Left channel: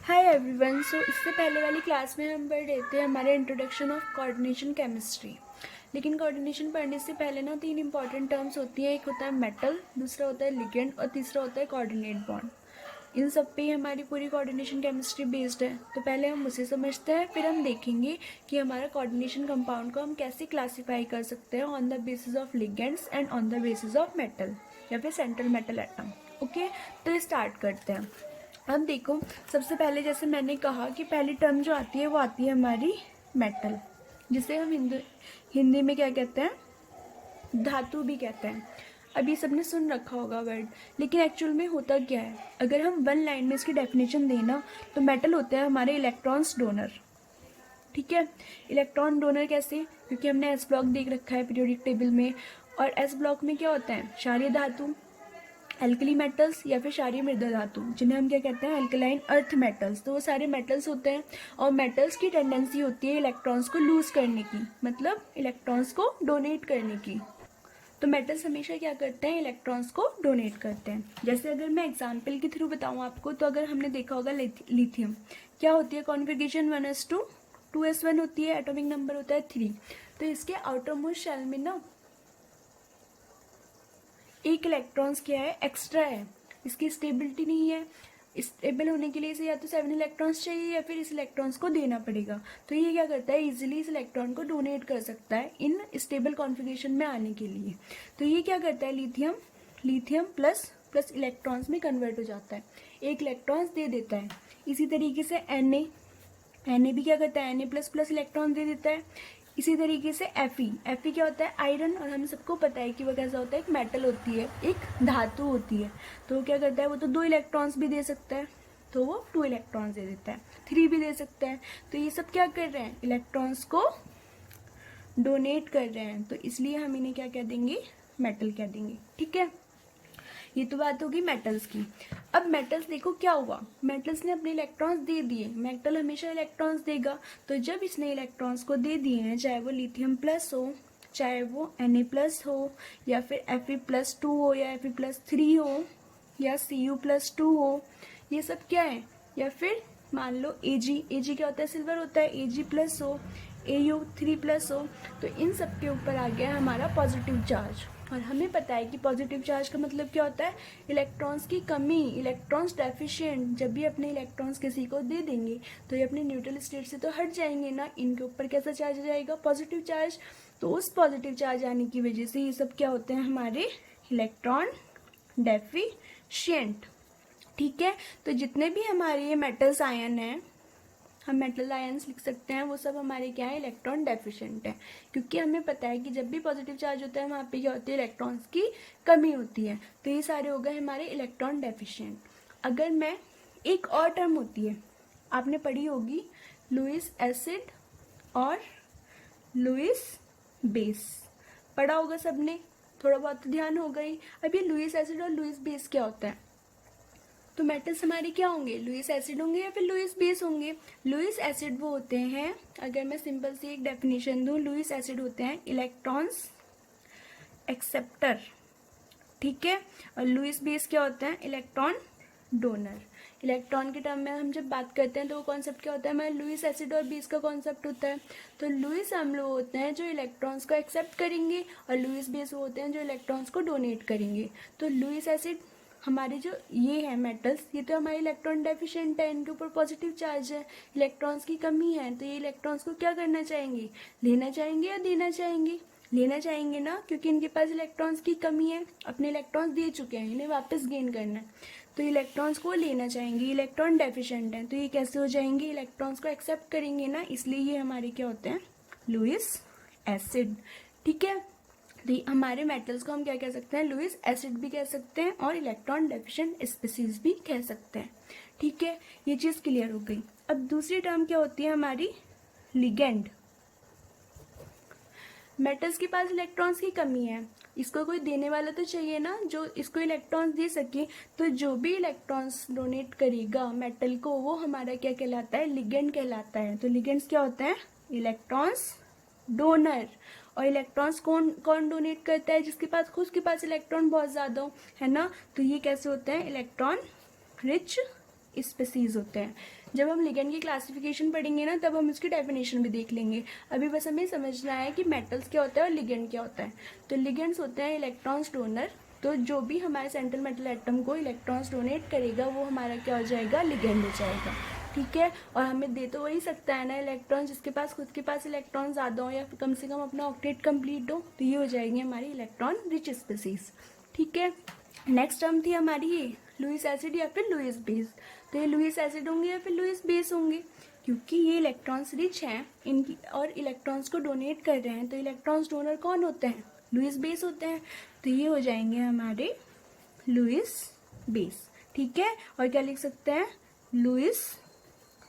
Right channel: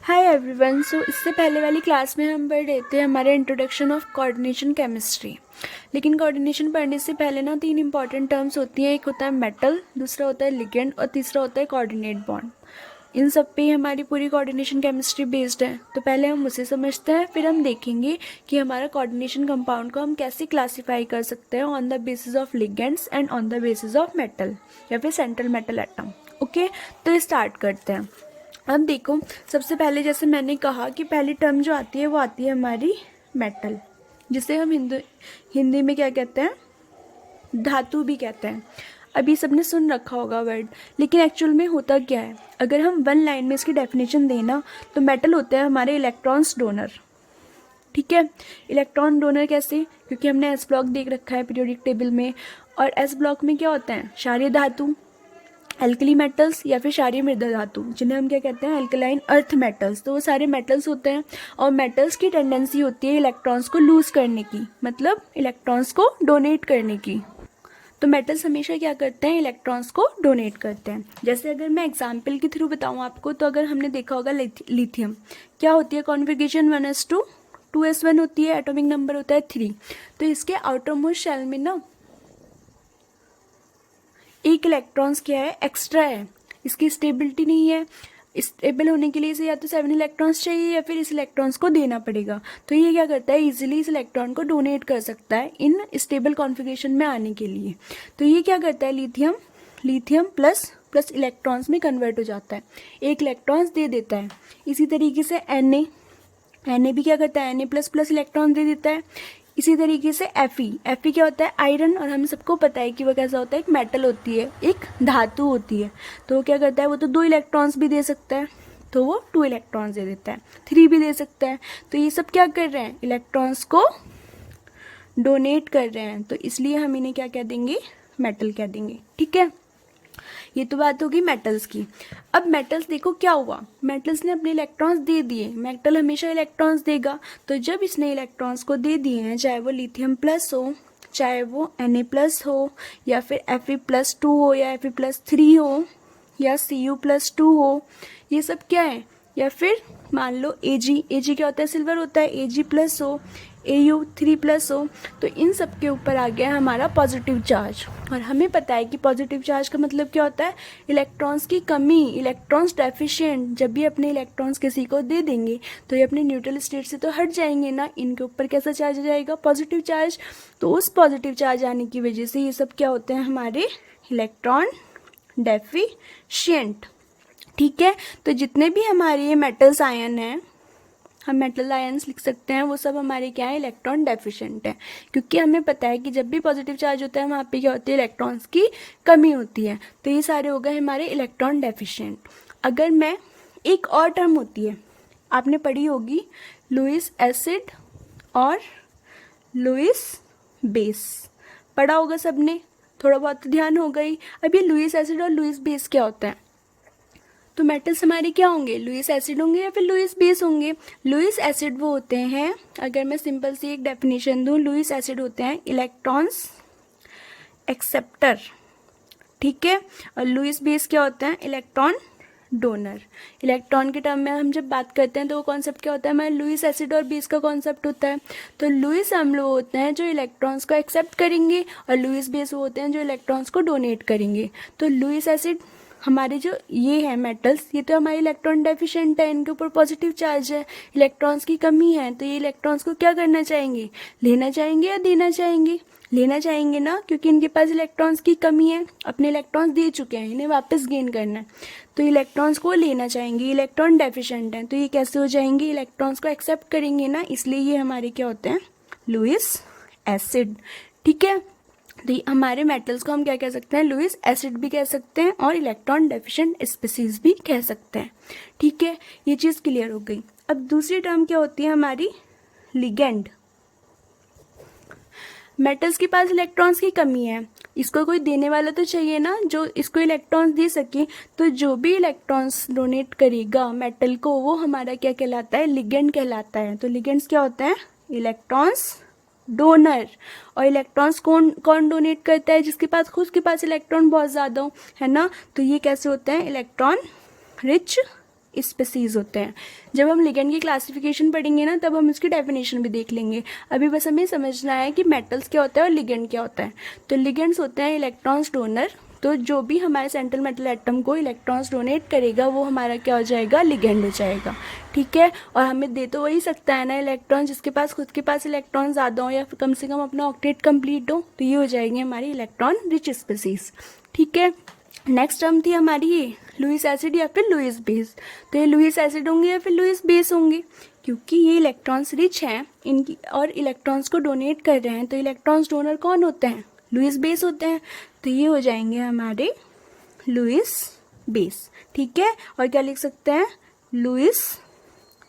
Hi everyone. इससे पहले वाली क्लास में हम पढ़ रहे थे हमारे इंट्रोडक्शन ऑफ कोऑर्डिनेशन केमिस्ट्री। लेकिन कोऑर्डिनेशन पढ़ने से पहले ना 3 इंपॉर्टेंट टर्म्स होती हैं। एक होता है मेटल, दूसरा होता है लिगेंड और तीसरा होता है कोऑर्डिनेट बॉन्ड। इन सब पे ही हमारी पूरी कोऑर्डिनेशन केमिस्ट्री बेस्ड है। तो पहले हम उसे समझते हैं, फिर हम देखेंगे कि हमारा कोऑर्डिनेशन कंपाउंड को हम कैसे क्लासीफाई कर सकते हैं on the basis of ligands and on the basis of metal या फिर सेंट्रल मेटल एटम। ओके, तो स्टार्ट करते हैं। अब देखो, सबसे पहले जैसे मैंने कहा कि पहली टर्म जो आती है वो आती है हमारी मेटल, जिसे हम हिंदी में क्या कहते हैं, धातु भी कहते हैं। अभी सबने सुन रखा होगा वर्ड, लेकिन एक्चुअल में होता क्या है। अगर हम वन लाइन में इसकी डेफिनेशन देना तो मेटल होते हैं हमारे इलेक्ट्रॉन्स डोनर। ठीक है, इलेक्ट्रॉन डोनर कैसे? क्योंकि हमने एस ब्लॉक देख रखा है पीरियोडिक टेबल में, और एस ब्लॉक में क्या होता है, क्षारीय धातु, एल्कली मेटल्स या फिर क्षारीय मृदा धातु, जिन्हें हम क्या कहते हैं, एल्कलाइन अर्थ मेटल्स। तो वो सारे मेटल्स होते हैं, और मेटल्स की टेंडेंसी होती है इलेक्ट्रॉन्स को लूज करने की, मतलब इलेक्ट्रॉन्स को डोनेट करने की। तो मेटल्स हमेशा क्या करते हैं, इलेक्ट्रॉन्स को डोनेट करते हैं। जैसे अगर मैं एग्जाम्पल के थ्रू बताऊँ आपको, तो अगर हमने देखा होगा लिथियम, क्या होती है कॉन्फ़िगरेशन 1s2, 2s1 होती है, एटॉमिक नंबर होता है 3। तो इसके आउटर मोस्ट शेल में ना एक इलेक्ट्रॉन्स क्या है, एक्स्ट्रा है, इसकी स्टेबिलिटी नहीं है। स्टेबल होने के लिए इसे या तो 7 इलेक्ट्रॉन्स चाहिए या फिर इस इलेक्ट्रॉन्स को देना पड़ेगा। तो ये क्या करता है, इजीली इस इलेक्ट्रॉन को डोनेट कर सकता है इन स्टेबल कॉन्फ़िगरेशन में आने के लिए। तो ये क्या करता है, लिथियम प्लस प्लस इलेक्ट्रॉन्स में कन्वर्ट हो जाता है, एक इलेक्ट्रॉन्स दे देता है। इसी तरीके से Na भी क्या करता है, Na प्लस प्लस इलेक्ट्रॉन दे देता है। इसी तरीके से Fe क्या होता है, आयरन, और हम सबको पता है कि वो कैसा होता है, एक मेटल होती है, एक धातु होती है। तो वो क्या करता है, वो तो 2 इलेक्ट्रॉन्स भी दे सकता है, तो वो 2 इलेक्ट्रॉन्स दे देता है, 3 भी दे सकता है। तो ये सब क्या कर रहे हैं, इलेक्ट्रॉन्स को डोनेट कर रहे हैं, तो इसलिए हम इन्हें क्या कह देंगे, मेटल कह देंगे। ठीक है, ये तो बात होगी मेटल्स की। अब मेटल्स देखो क्या हुआ, मेटल्स ने अपने इलेक्ट्रॉन्स दे दिए, मेटल हमेशा इलेक्ट्रॉन्स देगा। तो जब इसने इलेक्ट्रॉन्स को दे दिए हैं, चाहे वो लिथियम प्लस हो, चाहे वो Na प्लस हो, या फिर Fe+2 हो, या Fe+3 हो, या Cu+2 हो, ये सब क्या है, या फिर मान लो Ag क्या होता है, सिल्वर होता है, Ag+ हो, Au3+ हो, तो इन सब के ऊपर आ गया हमारा पॉजिटिव चार्ज। और हमें पता है कि पॉजिटिव चार्ज का मतलब क्या होता है, इलेक्ट्रॉन्स की कमी, इलेक्ट्रॉन्स डेफिशिएंट। जब भी अपने इलेक्ट्रॉन्स किसी को दे देंगे तो ये अपने न्यूट्रल स्टेट से तो हट जाएंगे ना, इनके ऊपर कैसा चार्ज आ जाएगा, पॉजिटिव चार्ज। तो उस पॉजिटिव चार्ज आने की वजह से ये सब क्या होते हैं, हमारे इलेक्ट्रॉन डेफिशिएंट। ठीक है, तो जितने भी हमारे ये मेटल्स आयन हैं, हम मेटल आयंस लिख सकते हैं, वो सब हमारे क्या है, इलेक्ट्रॉन डेफिशिएंट है। क्योंकि हमें पता है कि जब भी पॉजिटिव चार्ज होता है वहाँ पे क्या होती है, इलेक्ट्रॉन्स की कमी होती है। तो ये सारे हो गए हमारे इलेक्ट्रॉन डेफिशिएंट। अगर मैं, एक और टर्म होती है, आपने पढ़ी होगी, लुईस एसिड और लुईस बेस, पढ़ा होगा सबने, थोड़ा बहुत ध्यान होगा ही। अब ये लुईस एसिड और लुईस बेस क्या होता है, तो मेटल्स हमारे क्या होंगे, लुईस एसिड होंगे या फिर लुईस बेस होंगे। लुईस एसिड वो होते हैं, अगर मैं सिंपल सी एक डेफिनेशन दूं, लुईस एसिड होते हैं इलेक्ट्रॉन्स एक्सेप्टर। ठीक है, और लुईस बेस क्या होते हैं, इलेक्ट्रॉन डोनर। इलेक्ट्रॉन के टर्म में हम जब बात करते हैं तो वो कॉन्सेप्ट क्या होता है, हमारे लुईस एसिड और बेस का कॉन्सेप्ट होता है। तो लुईस अम्ल वो होते हैं जो इलेक्ट्रॉन्स को एक्सेप्ट करेंगे, और लुईस बेस वो होते हैं जो इलेक्ट्रॉन्स को डोनेट करेंगे। तो लुईस एसिड हमारे जो ये है मेटल्स, ये तो हमारे इलेक्ट्रॉन डेफिशिएंट है, इनके ऊपर पॉजिटिव चार्ज है, इलेक्ट्रॉन्स की कमी है। तो ये इलेक्ट्रॉन्स को क्या करना चाहेंगे, लेना चाहेंगे या देना चाहेंगे, लेना चाहेंगे ना, क्योंकि इनके पास इलेक्ट्रॉन्स की कमी है, अपने इलेक्ट्रॉन्स दे चुके हैं, इन्हें वापस गेन करना है। तो इलेक्ट्रॉन्स को लेना चाहेंगे, इलेक्ट्रॉन डेफिशिएंट है, तो ये कैसे हो जाएंगे, इलेक्ट्रॉन्स को एक्सेप्ट करेंगे ना, इसलिए ये हमारे क्या होते हैं, लुईस एसिड। ठीक है, तो हमारे मेटल्स को हम क्या कह सकते हैं, लुईस एसिड भी कह सकते हैं और इलेक्ट्रॉन डेफिशिएंट स्पीसीज भी कह सकते हैं। ठीक है, ये चीज़ क्लियर हो गई। अब दूसरी टर्म क्या होती है हमारी, लिगेंड। मेटल्स के पास इलेक्ट्रॉन्स की कमी है, इसको कोई देने वाला तो चाहिए ना जो इसको इलेक्ट्रॉन्स दे सके। तो जो भी इलेक्ट्रॉन्स डोनेट करेगा मेटल को, वो हमारा क्या कहलाता है, लिगेंड कहलाता है। तो लिगेंड्स क्या होते हैं, इलेक्ट्रॉन्स डोनर। और इलेक्ट्रॉन्स कौन कौन डोनेट करता है, जिसके पास खुद के पास इलेक्ट्रॉन बहुत ज़्यादा हो, है ना। तो ये कैसे होते हैं, इलेक्ट्रॉन रिच स्पीसीज होते हैं। जब हम लिगेंड की क्लासिफिकेशन पढ़ेंगे ना तब हम इसकी डेफिनेशन भी देख लेंगे। अभी बस हमें समझना है कि मेटल्स क्या होता है और लिगेंड क्या होता है। तो लिगेंड्स होते हैं इलेक्ट्रॉन्स डोनर, तो जो भी हमारे सेंट्रल मेटल एटम को इलेक्ट्रॉन्स डोनेट करेगा वो हमारा क्या हो जाएगा, लिगेंड हो जाएगा। ठीक है, और हमें दे तो वही सकता है ना इलेक्ट्रॉन, जिसके पास खुद के पास इलेक्ट्रॉन ज़्यादा हो या फिर कम से कम अपना ऑक्टेट कंप्लीट हो, तो ये हो जाएंगे हमारी इलेक्ट्रॉन रिच स्पीसीज। ठीक है, नेक्स्ट टर्म थी हमारी ये लुईस एसिड या फिर लुईस बेस। तो ये लुईस एसिड होंगे या फिर लुईस बेस होंगे, क्योंकि ये इलेक्ट्रॉन्स रिच हैं इनकी और इलेक्ट्रॉन्स को डोनेट कर रहे हैं, तो इलेक्ट्रॉन्स डोनर कौन होते हैं, लुईस बेस होते हैं। तो ये हो जाएंगे हमारे लुईस बेस। ठीक है, और क्या लिख सकते हैं, लुईस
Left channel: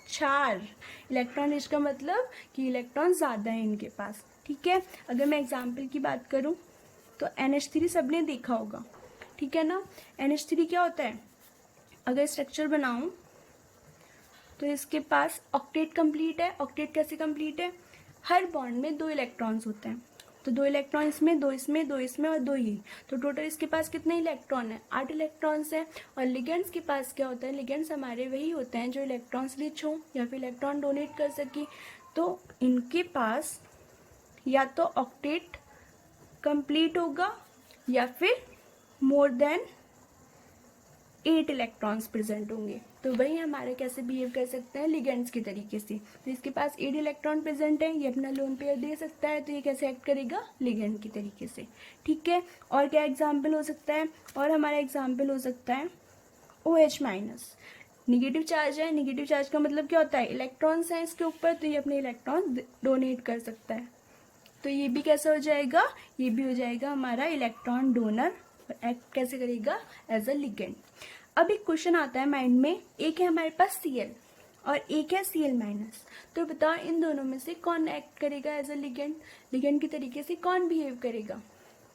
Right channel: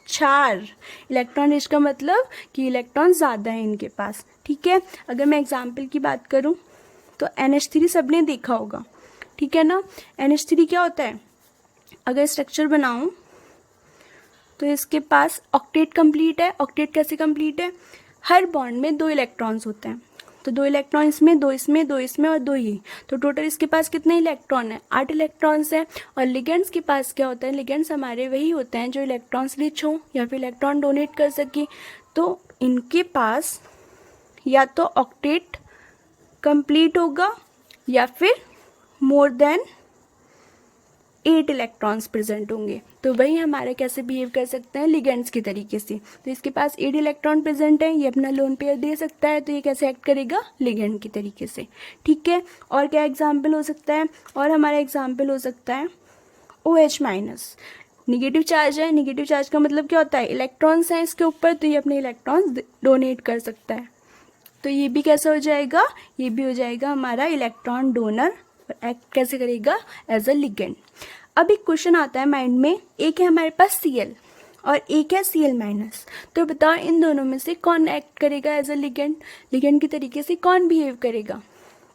चार। इलेक्ट्रॉन रिच का मतलब कि इलेक्ट्रॉन ज़्यादा है इनके पास। ठीक है, अगर मैं एग्जाम्पल की बात करूँ तो NH3 सबने देखा होगा। ठीक है ना, NH3 क्या होता है, अगर स्ट्रक्चर बनाऊं तो इसके पास ऑक्टेट कंप्लीट है। ऑक्टेट कैसे कंप्लीट है, हर बॉन्ड में 2 इलेक्ट्रॉन्स होते हैं, तो 2 इलेक्ट्रॉन इसमें, 2 इसमें, 2 इसमें और 2 ये, तो टोटल इसके पास कितने इलेक्ट्रॉन है, 8 इलेक्ट्रॉन्स हैं। और लिगेंड्स के पास क्या होता है, लिगेंड्स हमारे वही होते हैं जो इलेक्ट्रॉन्स रिच हों या फिर इलेक्ट्रॉन डोनेट कर सके। तो इनके पास या तो ऑक्टेट कंप्लीट होगा या फिर मोर देन 8 इलेक्ट्रॉन्स प्रेजेंट होंगे। तो वही हमारे कैसे बिहेव कर सकते हैं, लिगेंड्स की तरीके से। तो इसके पास 8 इलेक्ट्रॉन प्रेजेंट है, ये अपना लोन पेयर दे सकता है, तो ये कैसे एक्ट करेगा, लिगेंड की तरीके से। ठीक है, और क्या एग्जाम्पल हो सकता है, और हमारा एग्जाम्पल हो सकता है OH माइनस। निगेटिव चार्ज है, निगेटिव चार्ज का मतलब क्या होता है, इलेक्ट्रॉन्स हैं इसके ऊपर, तो ये अपने इलेक्ट्रॉन्स डोनेट कर सकता है। तो ये भी कैसा हो जाएगा, ये भी हो जाएगा हमारा इलेक्ट्रॉन डोनर, एक्ट कैसे करेगा, एज अ लिगेंड। अब एक क्वेश्चन आता है माइंड में, एक है हमारे पास Cl और एक है Cl माइनस, तो बताओ इन दोनों में से कौन एक्ट करेगा एज अ लिगेंड, लिगेंड की तरीके से कौन बिहेव करेगा।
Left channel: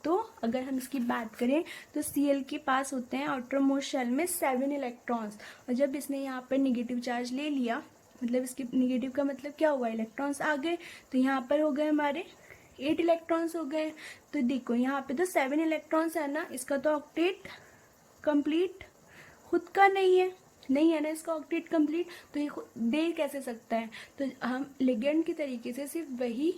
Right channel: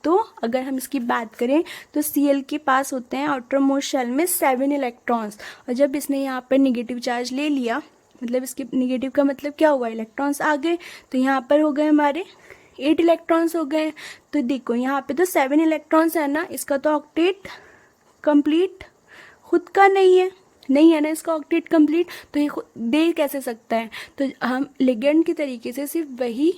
तो अगर हम इसकी बात करें तो Cl के पास होते हैं आउटर मोस्ट शेल में 7 इलेक्ट्रॉन्स, और जब इसने यहाँ पर निगेटिव चार्ज ले लिया, मतलब इसके निगेटिव का मतलब क्या हुआ, इलेक्ट्रॉन्स आ गए, तो यहाँ पर हो गए हमारे 8 इलेक्ट्रॉन्स हो गए। तो देखो यहाँ पे तो 7 इलेक्ट्रॉन्स है ना, इसका तो ऑक्टेट कंप्लीट खुद का नहीं है ना इसका ऑक्टेट कंप्लीट, तो ये दे कैसे सकता है। तो हम लिगेंड की तरीके से सिर्फ वही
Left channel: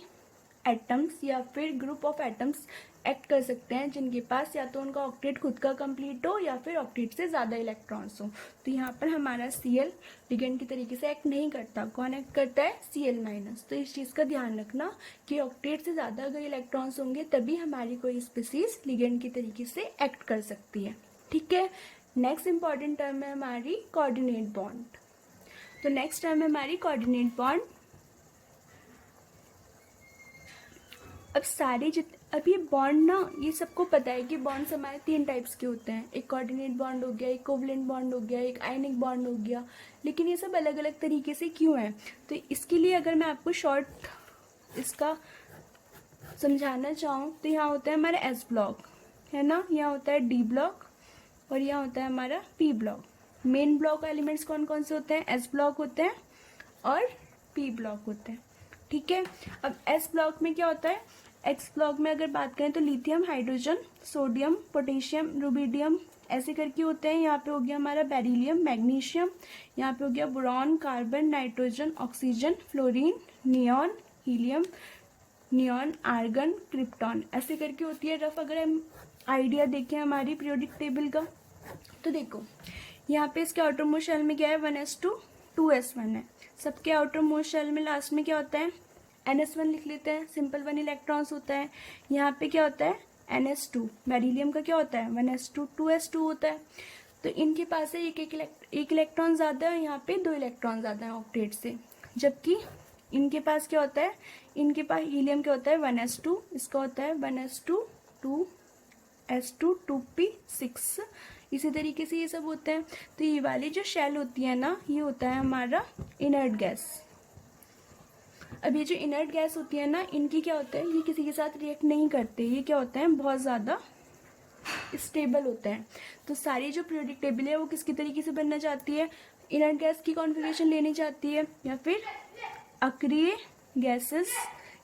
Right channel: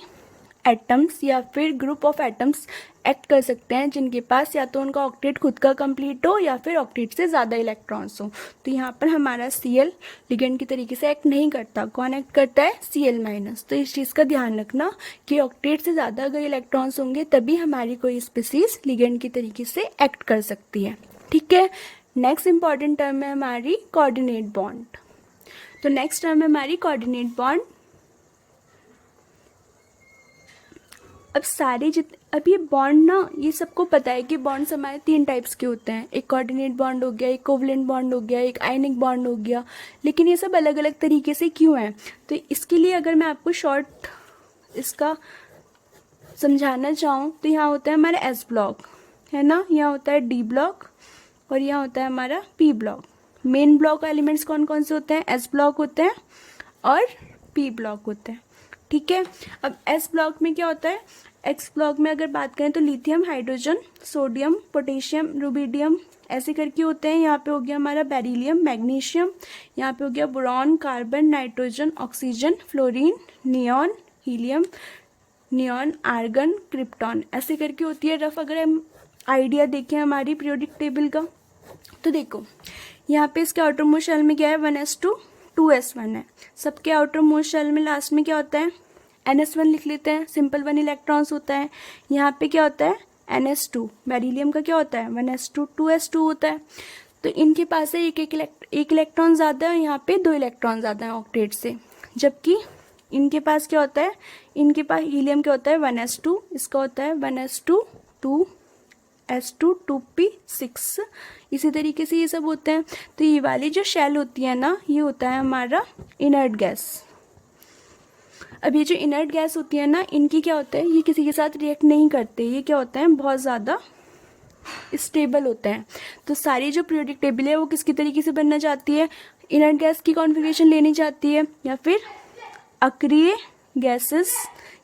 एटम्स या फिर ग्रुप ऑफ एटम्स एक्ट कर सकते हैं जिनके पास या तो उनका ऑक्टेट खुद का कंप्लीट हो या फिर ऑक्टेट से ज़्यादा इलेक्ट्रॉन्स हो। तो यहाँ पर हमारा Cl लिगेंड की तरीके से एक्ट नहीं करता, कौन एक्ट करता है, Cl माइनस। तो इस चीज़ का ध्यान रखना कि ऑक्टेट से ज़्यादा अगर इलेक्ट्रॉन्स होंगे तभी हमारी कोई स्पीसीज लिगेंड की तरीके से एक्ट कर सकती है। ठीक है, नेक्स्ट इंपॉर्टेंट टर्म है हमारी कोऑर्डिनेट बॉन्ड। तो नेक्स्ट टर्म है हमारी कोऑर्डिनेट बॉन्ड। अब ये बॉन्ड ना, ये सबको पता है कि बॉन्ड्स हमारे 3 टाइप्स के होते हैं, एक कोऑर्डिनेट बॉन्ड हो गया, एक कोवलेंट बॉन्ड हो गया, एक आयनिक बॉन्ड हो गया। लेकिन ये सब अलग अलग तरीके से क्यों हैं, तो इसके लिए अगर मैं आपको शॉर्ट इसका समझाना चाहूँ तो यहाँ होता है हमारा S ब्लॉक, है ना, यहाँ होता है D ब्लॉक और यहाँ होता है हमारा P block. Main block elements कौन कौन से होते हैं, S ब्लॉक होते हैं और P ब्लॉक होते हैं। ठीक है, अब S ब्लॉक में क्या होता है, X ब्लॉक में अगर बात करें तो lithium, hydrogen, sodium, potassium, rubidium ऐसे करके होते हैं। यहाँ पे हो गया हमारा बेरिलियम, मैग्नीशियम, यहाँ पे हो गया boron, carbon, nitrogen, oxygen, fluorine, neon, helium, neon, argon, krypton ऐसे करके होती है रफ। अगर हम आइडिया देखें हमारी पीरियोडिक टेबल का, तो देखो यहाँ पे इसके आउटर मोस्ट शेल में क्या है, 1s2 2s1 है। सबके आउटर मोस्ट शेल में लास्ट में क्या होता है, NS1 लिख लेते हैं, सिंपल 1 इलेक्ट्रॉन्स होता है। यहाँ पे क्या होता है, NS2, बेरिलियम का क्या होता है, 1s2 2s2 होता है। तो इनके पास है एक इलेक्ट्रॉन ज़्यादा है, यहाँ पे 2 इलेक्ट्रॉन ज़्यादा है ऑक्टेट से। जबकि इनके पास क्या होता है, इनके पास हीलियम क्या होता है, 1s2, इसका होता है 1s2 2s2 2p6, इसी तरीके से ये सब होते हैं। तो ये वाली जो शेल होती है ना, ये होता है हमारा इनर्ट गैस। अब ये जो इनर्ट गैस होती है ना, इनकी क्या होता है, ये किसी के साथ रिएक्ट नहीं करते, ये क्या होते हैं, बहुत ज़्यादा स्टेबल होते हैं। तो सारी जो पीरियोडिक टेबल है वो किसकी तरीके से बनना चाहती है, इनर्ट गैस की कॉन्फ़िगरेशन लेनी चाहती है या फिर अक्रिय गैसेस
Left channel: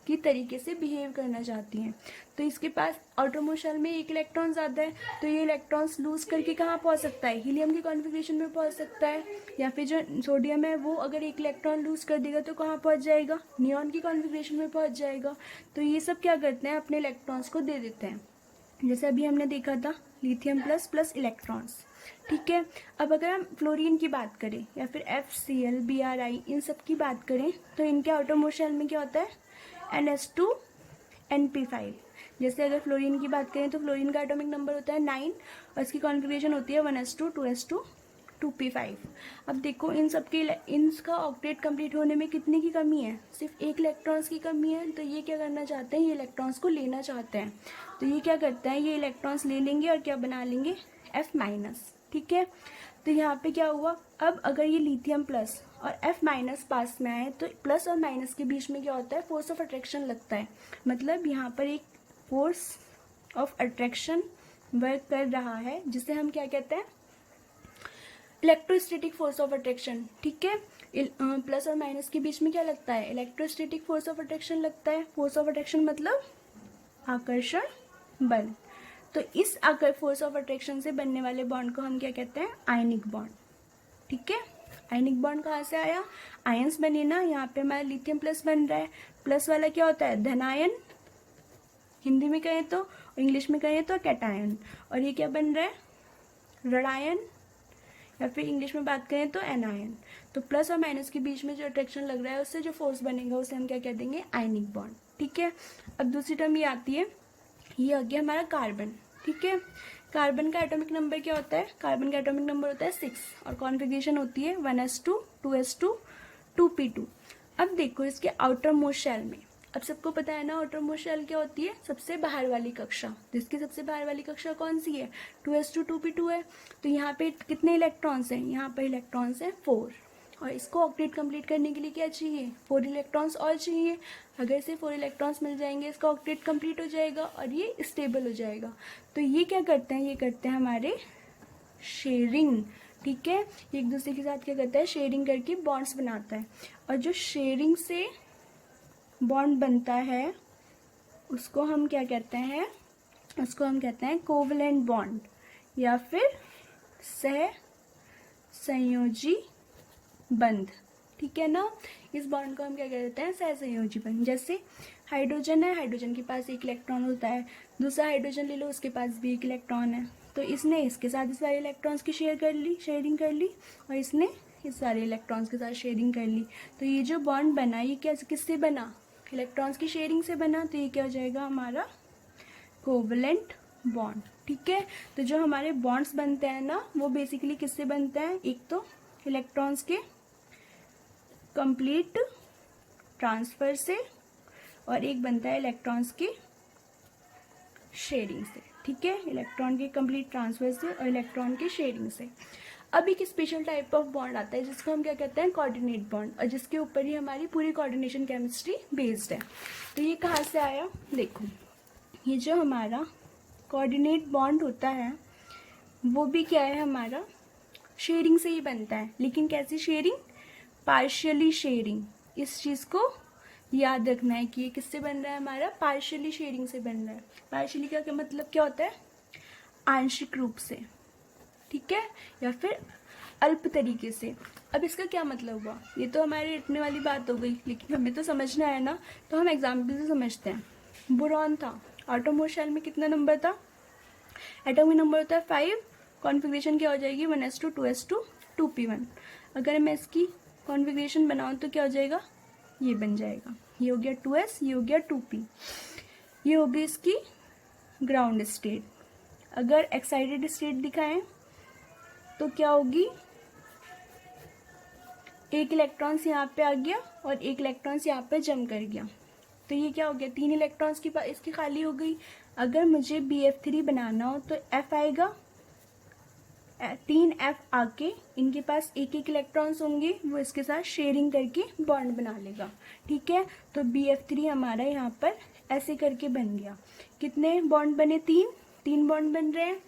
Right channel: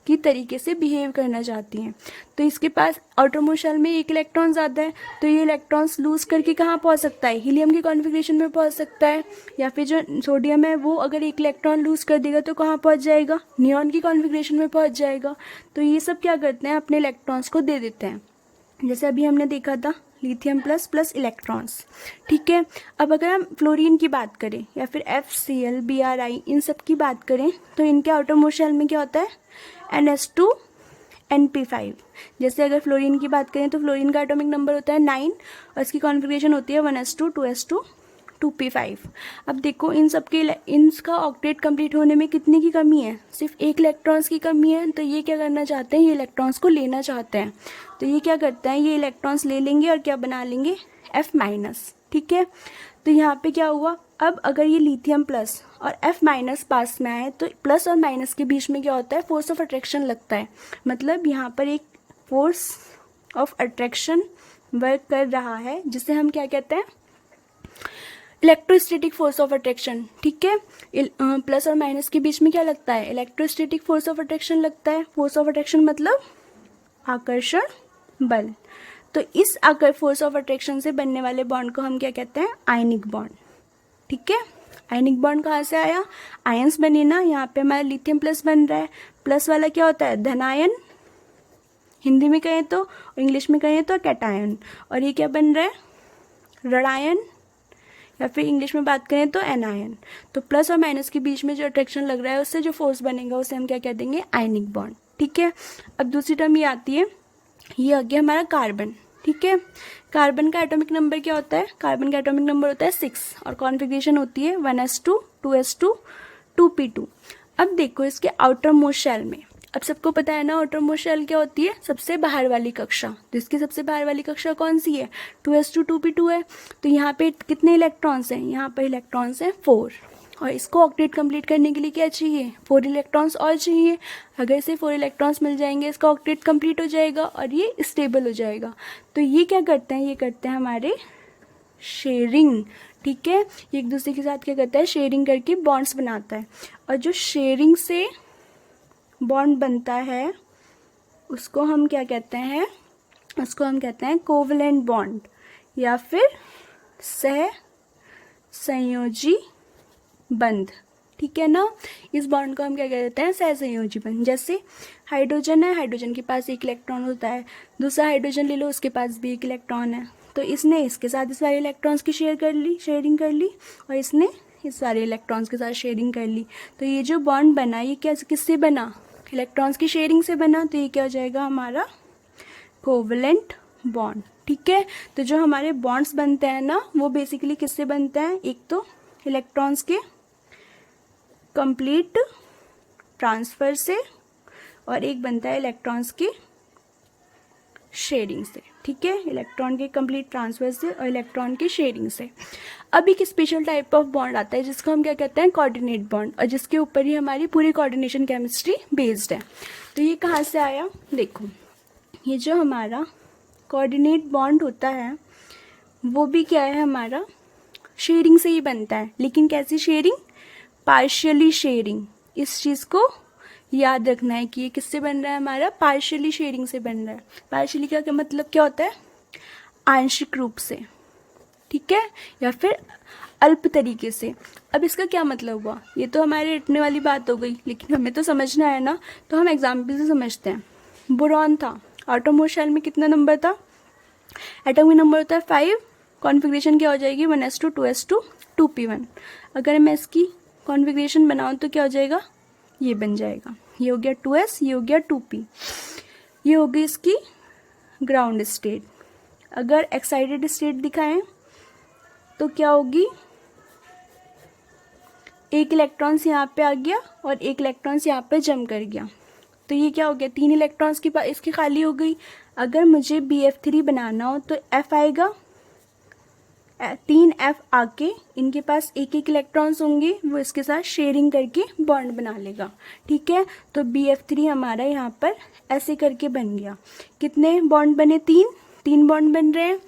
की तरीके से बिहेव करना चाहती हैं। तो इसके पास आउटरमोस्ट शेल में एक इलेक्ट्रॉन ज़्यादा है, तो ये इलेक्ट्रॉन्स लूज़ करके कहाँ पहुँच सकता है, हीलियम की कॉन्फ़िगरेशन में पहुँच सकता है, या फिर जो सोडियम है वो अगर एक इलेक्ट्रॉन लूज़ कर देगा तो कहाँ पहुँच जाएगा, नियॉन की कॉन्फ़िगरेशन में पहुँच जाएगा। तो ये सब क्या करते हैं, अपने इलेक्ट्रॉन्स को दे देते हैं, जैसे अभी हमने देखा था लिथियम प्लस प्लस इलेक्ट्रॉन्स। ठीक है, अब अगर हम फ्लोरीन की बात करें या फिर FCl, Bri इन सब की बात करें तो इनके आउटरमोस्ट शेल में क्या होता है, NH2 NP5। जैसे अगर फ्लोरीन की बात करें तो फ्लोरीन का एटॉमिक नंबर होता है 9 और इसकी कॉन्फ़िगरेशन होती है 1s2 2s2 2p5। अब देखो इन सब के इनका ऑक्टेट कंप्लीट होने में कितने की कमी है, सिर्फ एक इलेक्ट्रॉन्स की कमी है। तो ये क्या करना चाहते हैं, ये इलेक्ट्रॉन्स को लेना चाहते हैं। तो ये क्या करते हैं, ये इलेक्ट्रॉन्स ले लेंगे और क्या बना लेंगे, F-। ठीक है, तो यहाँ पे क्या हुआ, अब अगर ये लिथियम प्लस और F- पास में आए तो प्लस और माइनस के बीच में क्या होता है, फोर्स ऑफ अट्रैक्शन लगता है। मतलब यहाँ पर एक फोर्स ऑफ अट्रैक्शन वर्क कर रहा है जिसे हम क्या कहते हैं, इलेक्ट्रोस्टैटिक फोर्स ऑफ अट्रैक्शन। ठीक है, प्लस और माइनस के बीच में क्या लगता है, इलेक्ट्रोस्टैटिक फोर्स ऑफ अट्रैक्शन लगता है। फोर्स ऑफ अट्रैक्शन मतलब आकर्षण बल। तो इस फोर्स ऑफ अट्रैक्शन से बनने वाले बॉन्ड को हम क्या कहते हैं, आयनिक बॉन्ड। ठीक है, आयनिक बॉन्ड कहाँ से आया, आयंस बने ना, यहाँ पे हमारा लिथियम प्लस बन रहा है। प्लस वाला क्या होता है, धनायन हिंदी में कहें तो, इंग्लिश में कहें तो कैटायन। और ये क्या बन रहा है, ऋणायन, या फिर इंग्लिश में बात करें तो एनायन। तो प्लस और माइनस के बीच में जो अट्रैक्शन लग रहा है उससे जो फोर्स बनेगा उसे हम क्या कह देंगे, आयनिक बॉन्ड। ठीक है, अब दूसरी टर्म ये आती है, ये आ गया हमारा कार्बन। ठीक है, कार्बन का एटॉमिक नंबर क्या होता है, कार्बन का एटॉमिक नंबर होता है 6 और कॉन्फ़िगरेशन होती है 1s2 2s2 2p2। अब देखो इसके आउटर मोस्ट शेल में, अब सबको पता है ना आउटर मोस्ट शेल क्या होती है, सबसे बाहर वाली कक्षा। तो इसकी सबसे बाहर वाली कक्षा कौन सी है, 2s2 2p2 है। तो यहाँ पे कितने इलेक्ट्रॉन्स हैं, यहाँ पर इलेक्ट्रॉन्स हैं 4, और इसको ऑक्टेट कंप्लीट करने के लिए क्या चाहिए, 4 इलेक्ट्रॉन्स और चाहिए। अगर इसे 4 इलेक्ट्रॉन्स मिल जाएंगे इसका ऑक्टेट कंप्लीट हो जाएगा और ये स्टेबल हो जाएगा। तो ये क्या करते हैं, ये करते हैं हमारे शेयरिंग। ठीक है, ये एक दूसरे के साथ क्या करता है, शेयरिंग करके बॉन्ड्स बनाता है। और जो शेयरिंग से बॉन्ड बनता है उसको हम क्या कहते हैं, उसको हम कहते हैं कोवलेंट बॉन्ड या फिर सह संयोजी बंध। ठीक है ना, इस बॉन्ड को हम क्या कहते हैं, सहसंयोजी बंध। जैसे हाइड्रोजन है, हाइड्रोजन के पास एक इलेक्ट्रॉन होता है, दूसरा हाइड्रोजन ले लो उसके पास भी एक इलेक्ट्रॉन है। तो इसने इसके साथ इस सारे इलेक्ट्रॉन्स की शेयरिंग कर ली और इसने इस सारे इलेक्ट्रॉन्स के साथ शेयरिंग कर ली। तो ये जो बॉन्ड बना ये क्या किससे बना, इलेक्ट्रॉन्स की शेयरिंग से बना। तो ये क्या हो जाएगा हमारा कोवलेंट बॉन्ड। ठीक है, तो जो हमारे बॉन्ड्स बनते हैं ना वो बेसिकली किससे बनते हैं, एक तो इलेक्ट्रॉन्स के कंप्लीट ट्रांसफ़र से और एक बनता है इलेक्ट्रॉन्स की शेयरिंग से। ठीक है, इलेक्ट्रॉन के कंप्लीट ट्रांसफ़र से और इलेक्ट्रॉन की शेयरिंग से। अब एक स्पेशल टाइप ऑफ बॉन्ड आता है जिसको हम क्या कहते हैं, कोऑर्डिनेट बॉन्ड, और जिसके ऊपर ही हमारी पूरी कोऑर्डिनेशन केमिस्ट्री बेस्ड है। तो ये कहाँ से आया, देखो ये जो हमारा कोऑर्डिनेट बॉन्ड होता है वो भी क्या है, हमारा शेयरिंग से ही बनता है। लेकिन कैसी शेयरिंग, पार्शियली शेयरिंग। इस चीज़ को याद रखना है कि ये किससे बन रहा है, हमारा पार्शियली शेयरिंग से बन रहा है। पार्शियली का क्या मतलब क्या होता है, आंशिक रूप से। ठीक है, या फिर अल्प तरीके से। अब इसका क्या मतलब हुआ, ये तो हमारे रटने वाली बात हो गई, लेकिन हमें तो समझना है ना, तो हम एग्जाम्पल से समझते हैं। बोरॉन था, आटोमोस्ट शेल में कितना नंबर था, एटॉमिक नंबर होता है 5, कॉन्फ़िगरेशन क्या हो जाएगी 1s2 2s2 2p1। अगर मैं इसकी कॉन्फ़िगरेशन बनाऊँ तो क्या हो जाएगा, ये बन जाएगा, ये हो गया 2s, ये हो गया 2p, ये हो गई इसकी ग्राउंड स्टेट। अगर एक्साइटेड स्टेट दिखाएं तो क्या होगी, एक इलेक्ट्रॉन्स यहाँ पे आ गया और एक इलेक्ट्रॉन्स यहाँ पे जम कर गया। तो ये क्या हो गया, 3 इलेक्ट्रॉन्स की इसकी खाली हो गई। अगर मुझे BF3 बनाना हो तो F आएगा, 3 F आके इनके पास एक एक इलेक्ट्रॉन्स होंगे, वो इसके साथ शेयरिंग करके बॉन्ड बना लेगा। ठीक है, तो BF3 हमारा यहाँ पर ऐसे करके बन गया। कितने बॉन्ड बने, 3 बॉन्ड बन रहे हैं।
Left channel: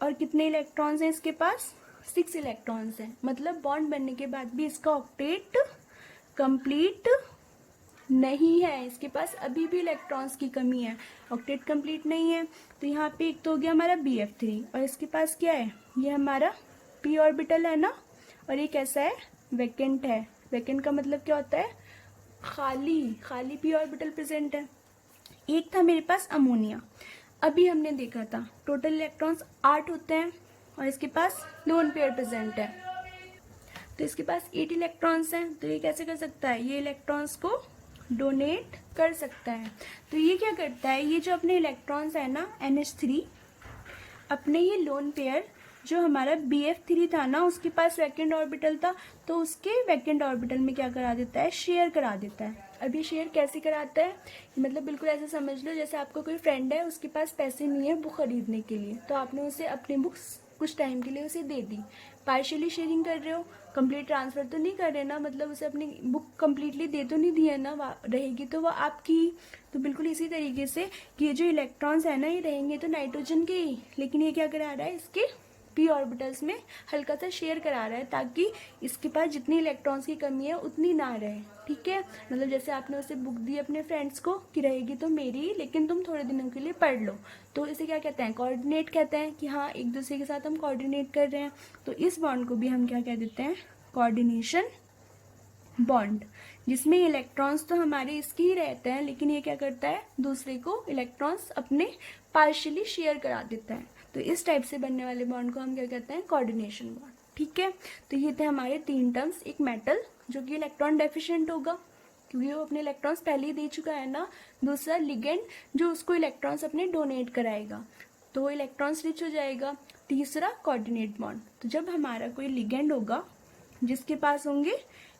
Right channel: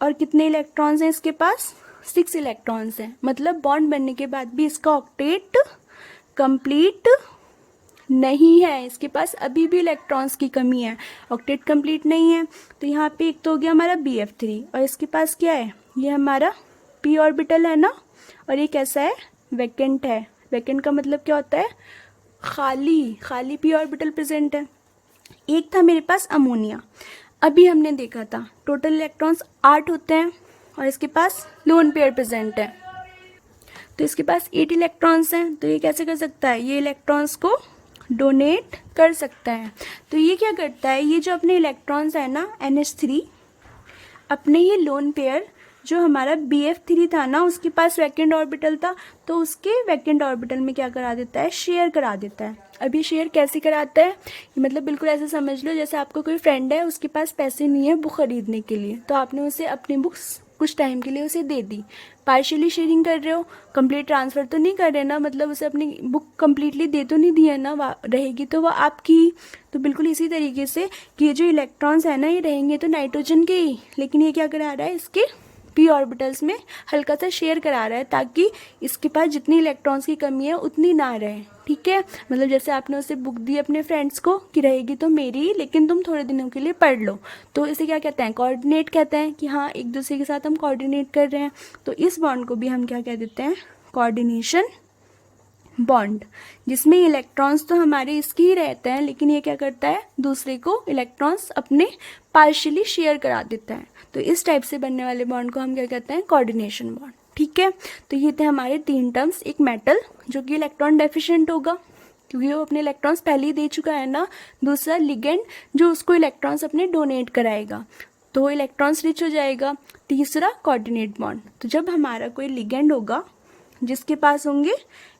और कितने इलेक्ट्रॉन्स हैं इसके पास, 6 इलेक्ट्रॉन्स हैं। मतलब बॉन्ड बनने के बाद भी इसका ऑक्टेट कंप्लीट नहीं है, इसके पास अभी भी इलेक्ट्रॉन्स की कमी है, ऑक्टेट कंप्लीट नहीं है। तो यहाँ पे एक तो हो गया हमारा BF3 और इसके पास क्या है, ये हमारा p ऑर्बिटल है ना, और ये कैसा है, वैकेंट है। वैकेंट का मतलब क्या होता है, खाली, खाली p ऑर्बिटल प्रेजेंट है। एक था मेरे पास अमोनिया, अभी हमने देखा था टोटल इलेक्ट्रॉन्स 8 होते हैं और इसके पास लोन पेयर प्रेजेंट है, तो इसके पास 8 इलेक्ट्रॉन्स हैं। तो ये कैसे कर सकता है, ये इलेक्ट्रॉन्स को डोनेट कर सकता है। तो ये क्या करता है, ये जो अपने इलेक्ट्रॉन्स है ना NH3, अपने ये लोन पेयर जो हमारा BF3 था ना, उसके पास वैकेंट ऑर्बिटल था, तो उसके वैकेंट ऑर्बिटल में क्या करा देता है, शेयर करा देता है। अभी शेयर कैसे कराता है, मतलब बिल्कुल ऐसे समझ लो जैसे आपको कोई फ्रेंड है, उसके पास पैसे नहीं है बुक खरीदने के लिए, तो आपने उसे अपनी बुक्स कुछ टाइम के लिए उसे दे दी, पार्शियली शेयरिंग कर रहे हो, कंप्लीट ट्रांसफ़र तो नहीं कर रहे ना, मतलब उसे अपनी बुक कम्प्लीटली दे तो नहीं दी है ना, रहेगी तो वह आपकी। तो बिल्कुल इसी तरीके से कि ये जो इलेक्ट्रॉन्स है ना, ये रहेंगे तो नाइट्रोजन के ही, लेकिन ये क्या करा रहा है, इसके p ऑर्बिटल्स में हल्का सा शेयर करा रहा है, ताकि इसके पास जितनी इलेक्ट्रॉन्स की कमी है उतनी ना रहे। ठीक है, मतलब जैसे आपने उसे बुक दी अपने फ्रेंड्स को कि रहेगी तो मेरी, लेकिन तुम थोड़े दिनों के लिए पढ़ लो, तो इसे क्या कहते हैं, कोऑर्डिनेट कहते हैं, कि हाँ एक दूसरे के साथ हम कोऑर्डिनेट कर रहे हैं। तो इस बॉन्ड को भी हम क्या कह देते हैं, कोऑर्डिनेशन बॉन्ड, जिसमें इलेक्ट्रॉन्स तो हमारे इसके ही रहते हैं, लेकिन ये क्या करता है, दूसरे को इलेक्ट्रॉन्स अपने पार्शियली शेयर करा देता है। तो इस टाइप से बनने वाले बॉन्ड को हम क्या कहते हैं, कोऑर्डिनेशन बॉन्ड। ठीक है, तो ये थे हमारे 3 टर्म्स। एक मेटल जो कि इलेक्ट्रॉन डेफिशिएंट होगा क्योंकि वो अपने इलेक्ट्रॉन्स पहले ही दे चुका है ना। दूसरा लिगेंड जो उसको इलेक्ट्रॉन्स अपने डोनेट कराएगा, तो वो इलेक्ट्रॉन्स रिच हो जाएगा। तीसरा कोऑर्डिनेट बॉन्ड, तो जब हमारा कोई लिगेंड होगा जिसके पास होंगे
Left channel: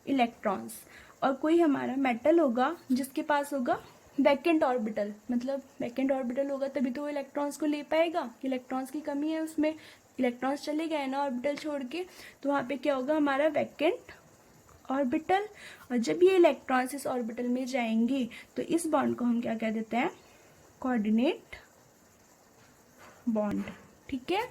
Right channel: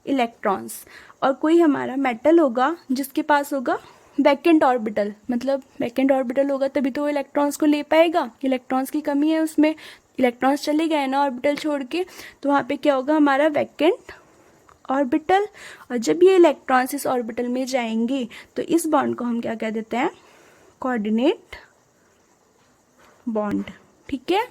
इलेक्ट्रॉन्स, और कोई हमारा मेटल होगा जिसके पास होगा वैकेंट ऑर्बिटल, मतलब वैकेंट ऑर्बिटल होगा तभी तो वो इलेक्ट्रॉन्स को ले पाएगा, इलेक्ट्रॉन्स की कमी है उसमें, इलेक्ट्रॉन्स चले गए ना ऑर्बिटल छोड़ के, तो वहाँ पे क्या होगा, हमारा वैकेंट ऑर्बिटल। और जब ये इलेक्ट्रॉन्स इस ऑर्बिटल में जाएंगे तो इस बॉन्ड को हम क्या कह देते हैं, कोऑर्डिनेट बॉन्ड। ठीक है,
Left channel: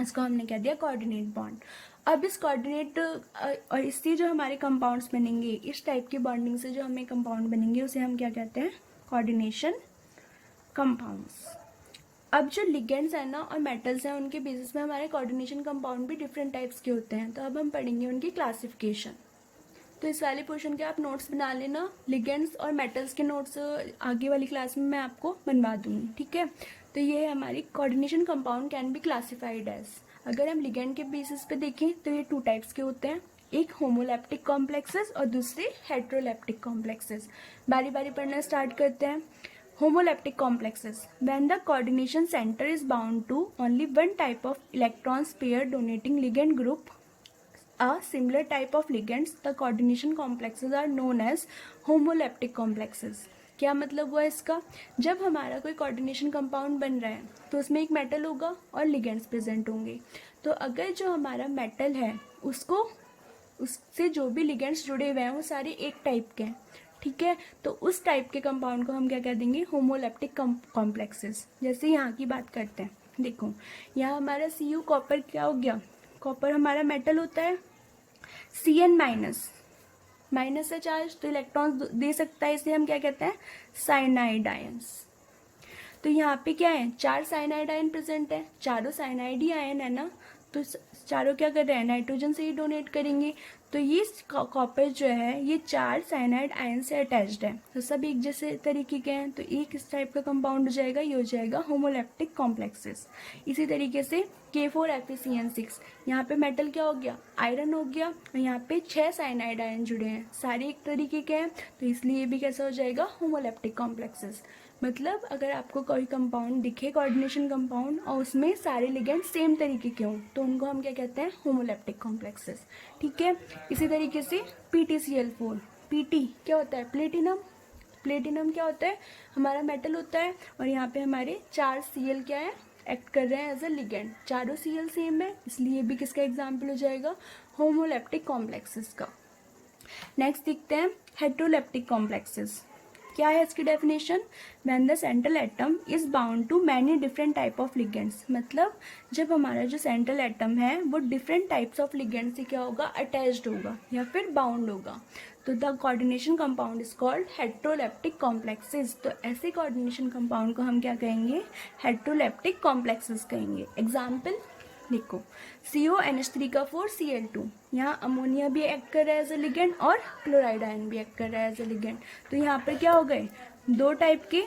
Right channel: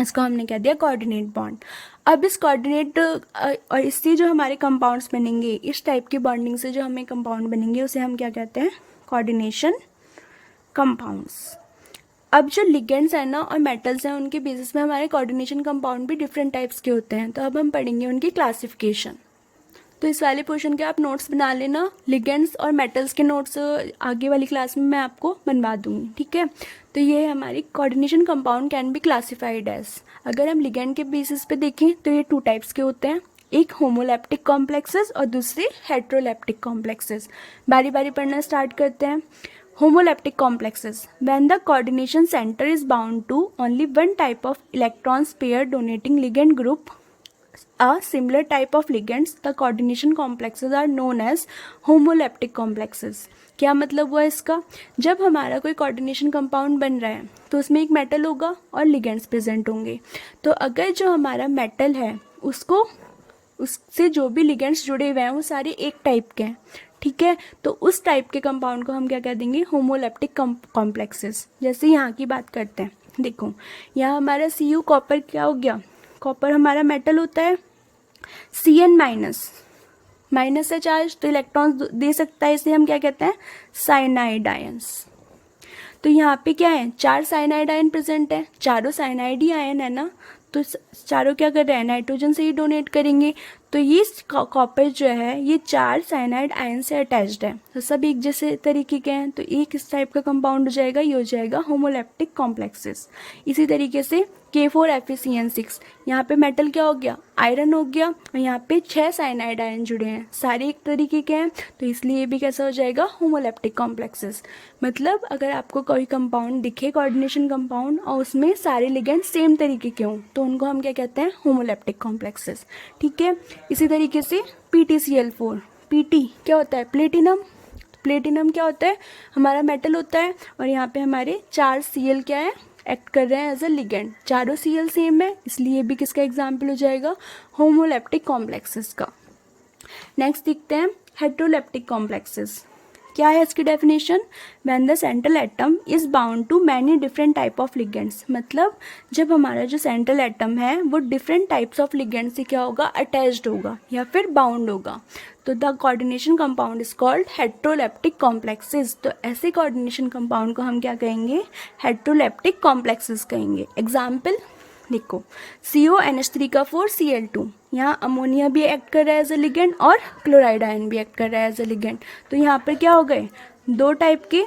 इसको हमने कह दिया कोऑर्डिनेट बॉन्ड। अब इस कोऑर्डिनेट और इससे जो हमारे कंपाउंड्स बनेंगे, इस टाइप की बॉन्डिंग से जो हमें कंपाउंड बनेंगे, उसे हम क्या कहते हैं, कोऑर्डिनेशन कंपाउंड्स। अब जो लिगेंड्स हैं ना और मेटल्स हैं, उनके बेसिस में हमारे कोऑर्डिनेशन कंपाउंड भी डिफरेंट टाइप्स के होते हैं। तो अब हम पढ़ेंगे उनकी क्लासिफिकेशन। तो इस वाले पोर्शन के आप नोट्स बना लेना, लिगेंड्स और मेटल्स के नोट्स आगे वाली क्लास में मैं आपको बनवा दूंगी। ठीक है, तो ये हमारी coordination compound can be classified as, अगर हम लिगेंड के बेसिस पे देखें तो ये 2 टाइप्स के होते हैं, एक होमोलैप्टिक कॉम्प्लेक्सेस और दूसरे हेट्रोलैप्टिक कॉम्प्लेक्सेस। बारी बारी पढ़ना स्टार्ट करते हैं। Homolaptic complexes, when the coordination center is bound to only one type of electrons pair donating ligand group, a similar type of ligands, the coordination complexes are known as homolaptic complexes. क्या मतलब हुआ इसका, जब हमारा कोई coordination compound बन रहा है तो उसमें एक मेटल होगा और लिगेंड्स प्रेजेंट होंगे। तो अगर जो हमारा मेटल है उसको, उससे जो भी लिगेंड्स जुड़े हुए हैं वो सारे एक टाइप के हैं। ठीक है, तो उस टाइप के कंपाउंड को हम क्या कह देंगे, होमोलैप्टिक कॉम्प्लेक्सेस। जैसे यहाँ की बात करते हैं, देखो यहाँ हमारा Cu कॉपर क्या हो गया, कॉपर हमारा मेटल होता है, Cn माइनस है चार्ज, तो इलेक्ट्रॉन्स दे सकता है, इसे हम क्या कहते हैं, साइनाइड आयंस। तो यहाँ पे क्या है, 4 साइनाइड आयन प्रेजेंट है, चारों साइनाइड ही आयन है ना, तो चारों क्या कर रहे हैं, नाइट्रोजन से ही डोनेट करेंगे। तो ये कॉपर जो है ये 4 साइनाइड आयन से अटैच्ड है, तो सब एक जैसे तरीके के हैं, तो एक इस टाइप का कंपाउंड हो जाएगा, ये हो जाएगा होमोलैप्टिक कॉम्प्लेक्सेस। इसी तरीके से K4FeCN6, यहाँ पे मेटल क्या हो गया, आयरन हो गया, और यहाँ पे 6 साइनाइड आयन जुड़े हैं, सारे एक तरीके के हैं, तो इसलिए भी कैसा हो जाएगा, होमोलैप्टिक कॉम्प्लेक्सेस। मतलब अगर आपको कोई कंपाउंड दिखे, कोऑर्डिनेशन कंपाउंड, और उसमें सारे लिगेंड सेम तरीके के हों, तो उनको हम क्या कहते हैं, होमोलैप्टिक कॉम्प्लेक्सेस। ठीक है, इसी तरीके से PtCl4, Pt क्या होता है, प्लेटिनम। प्लेटिनम क्या होता है, हमारा मेटल होता है, और यहाँ पे हमारे 4 Cl क्या है, एक्ट कर रहे हैं एज अ लिगेंड, चारों Cl सेम है, इसलिए भी किसका एग्जाम्पल हो जाएगा, होमोलैप्टिक कॉम्प्लेक्सेस का। नेक्स्ट देखते हैं हेट्रोलैप्टिक कॉम्प्लेक्सेस। क्या है इसकी definition? When the central atom is bound to many different type of ligands, मतलब जब हमारा जो सेंट्रल एटम है वो डिफरेंट टाइप्स ऑफ लिगेंड से क्या होगा? अटैच्ड होगा या फिर बाउंड होगा। तो the coordination compound is called heteroleptic complexes. तो ऐसे कोऑर्डिनेशन कंपाउंड को हम क्या कहेंगे? हेट्रोलेप्टिक कॉम्प्लेक्सेस कहेंगे। एग्जाम्पल देखो, CONH3 का 4 Cl2, यहाँ अमोनिया भी एक्ट कर रहा है एज ए लिगेंड और क्लोराइड आयन भी एक्ट कर रहा है एज ए लिगेंड। तो यहाँ पर क्या हो गए? दो टाइप के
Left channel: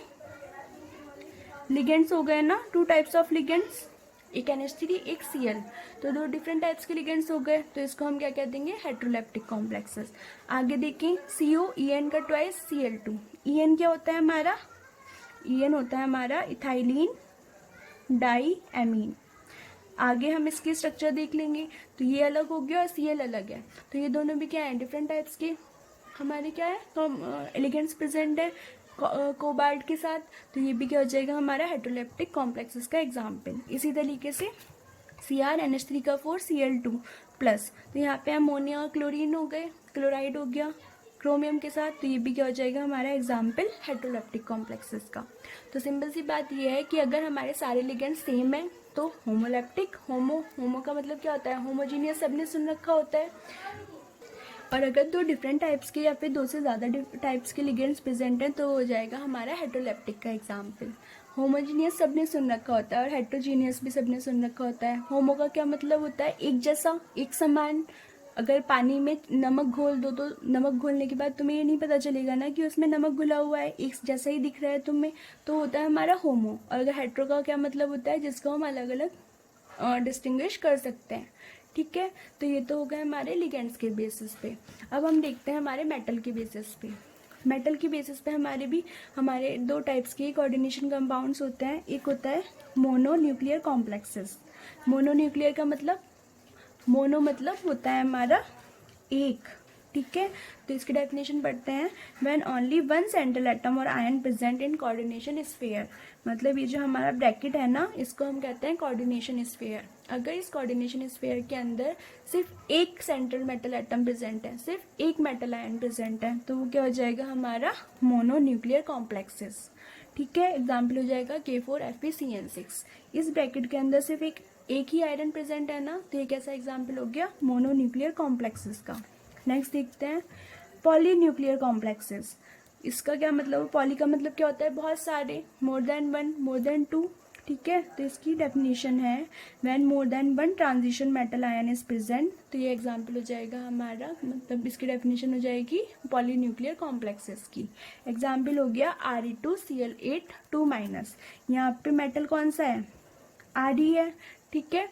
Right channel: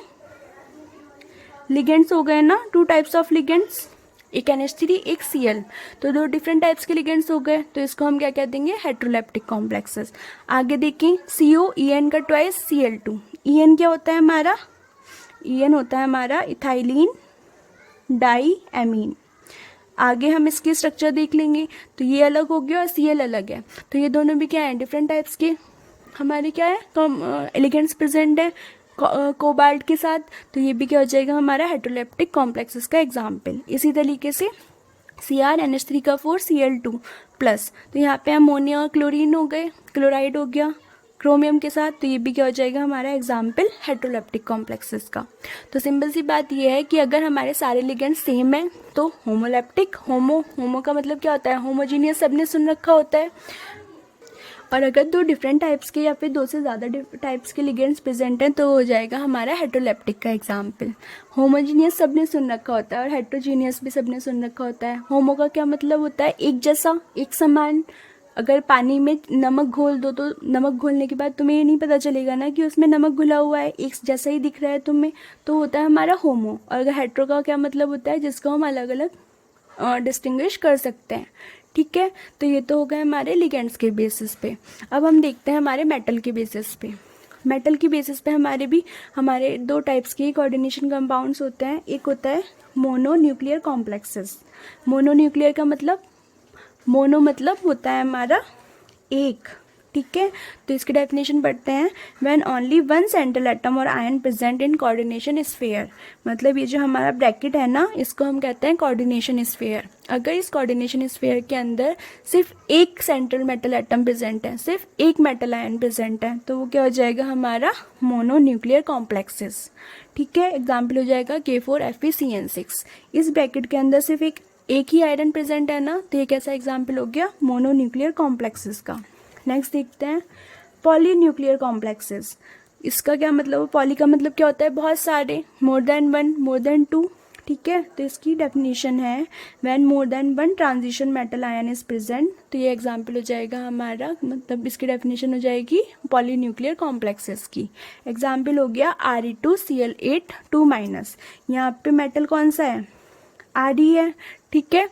लिगेंड्स हो गए ना, टू टाइप्स ऑफ लिगेंड्स, एक NH3 एक Cl, तो दो डिफरेंट टाइप्स के लिगेंड्स हो गए। तो इसको हम क्या कह देंगे? Heteroleptic complexes. आगे देखें, COEN का ट्वाइस Cl2, EN क्या होता है हमारा? EN होता है हमारा इथाइलिन डाई एमीन। आगे हम इसकी स्ट्रक्चर देख लेंगे, तो ये अलग हो गया और Cl अलग है, तो ये दोनों भी क्या है? डिफरेंट टाइप्स के हमारे क्या है? लिगेंड्स प्रेजेंट है कोबाल्ट के साथ, तो ये भी क्या हो जाएगा? हमारा हेट्रोलेप्टिक कॉम्प्लेक्सेस का एग्जाम्पल। इसी तरीके से CrNH3 का 4 Cl2 प्लस, तो यहाँ पे अमोनिया और क्लोरीन हो गए, क्लोराइड हो गया क्रोमियम के साथ, तो ये भी क्या हो जाएगा? हमारा एग्जाम्पल हेट्रोलेप्टिक कॉम्प्लेक्सेस का। तो सिंपल सी बात ये है कि अगर हमारे सारे लिगेंड सेम है तो होमोलेप्टिक, होमो का मतलब क्या होता है? होमोजीनियस, सबने सुन रखा होता है। और अगर दो डिफरेंट टाइप्स के या फिर दो से ज़्यादा टाइप्स के लिगेंड्स प्रेजेंट हैं तो हो जाएगा हमारा हेट्रोलेप्टिक का एग्जाम्पल। होमोजीनियस सबने सुन रखा होता है और हेट्रोजीनियस भी सबने सुन रखा होता है। होमो का क्या मतलब होता है? एक जैसा, एक समान। अगर पानी में नमक घोल दो तो नमक घोलने के बाद तुम्हें ये नहीं पता चलेगा ना कि उसमें नमक घुला हुआ है, एक जैसा ही दिख रहा है तुम्हें, तो होता है हमारा होमो। और अगर हेट्रो का क्या मतलब होता है? जिसको हम अलग अलग डिस्टिंग्विश कर सकते हैं। ठीक है, तो ये तो हो गए हमारे लिगेंड्स के बेसिस पे। अब हम देखते हैं हमारे मेटल के बेसिस पे। मेटल की बेसिस पे हमारे दो टाइप्स के कोऑर्डिनेशन कंपाउंड्स होते हैं। एक होता है मोनोन्यूक्लियर कॉम्प्लेक्सेस। मोनोन्यूक्लियर का मतलब, मोनो मतलब होता है हमारा एक। ठीक है, तो इसकी डेफिनेशन पढ़ते हैं। When only one central atom और ion present in coordination sphere, मतलब ये जो हमारा ब्रैकेट है ना, इसको हम कहते हैं कोऑर्डिनेशन स्फीयर। अगर इस कोऑर्डिनेशन स्फीयर के अंदर सिर्फ एक सेंट्रल मेटल एटम प्रेजेंट है, सिर्फ एक मेटल आयन प्रेजेंट है, तो वो क्या हो जाएगा? हमारा मोनोन्यूक्लियर कॉम्प्लेक्सेस। ठीक है, एग्जाम्पल हो जाएगा K4FeCN6। इस ब्रैकेट के अंदर सिर्फ एक ही आयरन प्रेजेंट है ना, तो ये कैसा एग्जाम्पल हो गया? मोनोन्यूक्लियर कॉम्प्लेक्सेस का। नेक्स्ट देखते हैं पॉलीन्यूक्लियर कॉम्प्लेक्सेस। इसका क्या मतलब? पॉली का मतलब क्या होता है? बहुत सारे, more than one, more than two. ठीक है, तो इसकी डेफिनेशन है when more than one transition metal ion is present. तो ये एग्जाम्पल हो जाएगा हमारा, मतलब इसकी डेफिनेशन हो जाएगी पॉलीन्यूक्लियर कॉम्प्लेक्सेस की। एग्जाम्पल हो गया Re2Cl8 2-। यहाँ पे मेटल कौन सा है? Re है। ठीक है,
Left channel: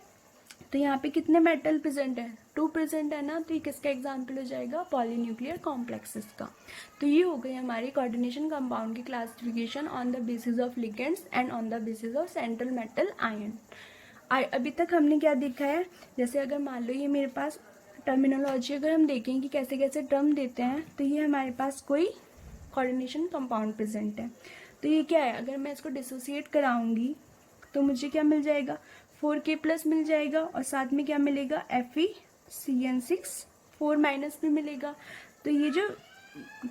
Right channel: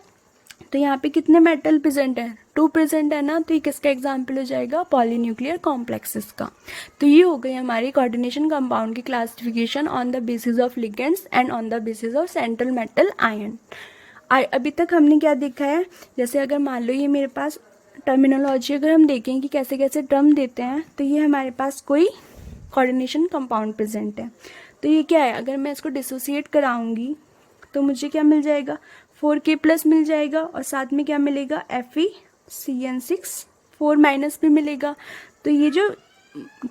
तो यहाँ पे कितने मेटल प्रेजेंट है? 2 प्रेजेंट है ना, तो ये किसका एग्जाम्पल हो जाएगा? पॉलीन्यूक्लियर कॉम्प्लेक्सेस का। तो ये हो गई हमारी कोऑर्डिनेशन कंपाउंड की classification on the basis of ligands and on the basis of central metal ion. अभी तक हमने क्या देखा है? जैसे अगर मान लो ये मेरे पास टर्मिनोलॉजी अगर हम देखें कि कैसे कैसे टर्म देते हैं, तो ये हमारे पास कोई कोऑर्डिनेशन कंपाउंड प्रेजेंट है। तो ये क्या है? अगर मैं इसको डिसोसिएट कराऊंगी तो मुझे क्या मिल जाएगा? 4K+ मिल जाएगा और साथ में क्या मिलेगा? FeCN6 4- भी मिलेगा। तो ये जो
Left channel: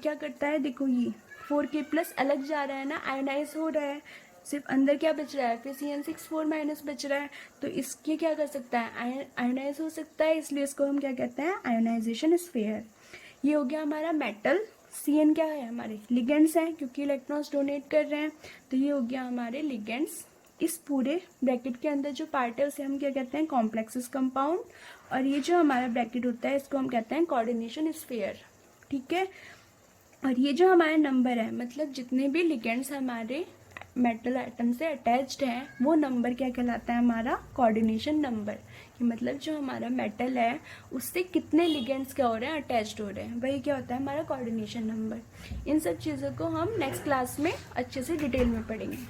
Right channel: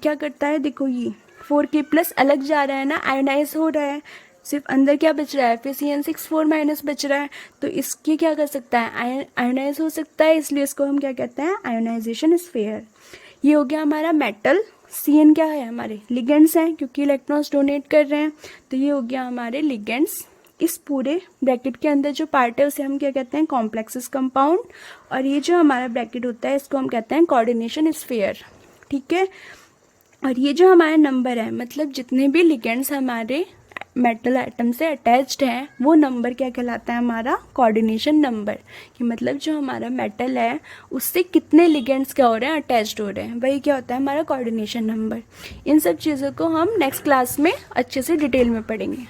क्या करता है, देखो ये 4K+ अलग जा रहा है ना, आयोनाइज हो रहा है, सिर्फ अंदर क्या बच रहा है? FeCN6 4- बच रहा है, तो इसके क्या कर सकता है? आयोनाइज हो सकता है, इसलिए इसको हम क्या कहते हैं? Ionization sphere. ये हो गया हमारा मेटल। CN क्या है? हमारे लिगेंड्स हैं, क्योंकि इलेक्ट्रॉन्स डोनेट कर रहे हैं, तो ये हो गया हमारे लिगेंड्स। इस पूरे ब्रैकेट के अंदर जो पार्ट है उसे हम क्या कहते हैं? Complexes compound. और ये जो हमारा ब्रैकेट होता है इसको हम कहते हैं कोऑर्डिनेशन स्फीयर। ठीक है, और ये जो हमारा नंबर है, मतलब जितने भी लिगेंड्स हमारे मेटल एटम से अटैच्ड हैं, वो नंबर क्या कहलाता है? हमारा कोऑर्डिनेशन नंबर। कि मतलब जो हमारा मेटल है उससे कितने लिगेंड्स क्या हो रहे हैं? अटैच्ड हो रहे हैं, वही क्या होता है? हमारा कोऑर्डिनेशन नंबर। इन सब चीज़ों को हम नेक्स्ट क्लास में अच्छे से डिटेल में पढ़ेंगे।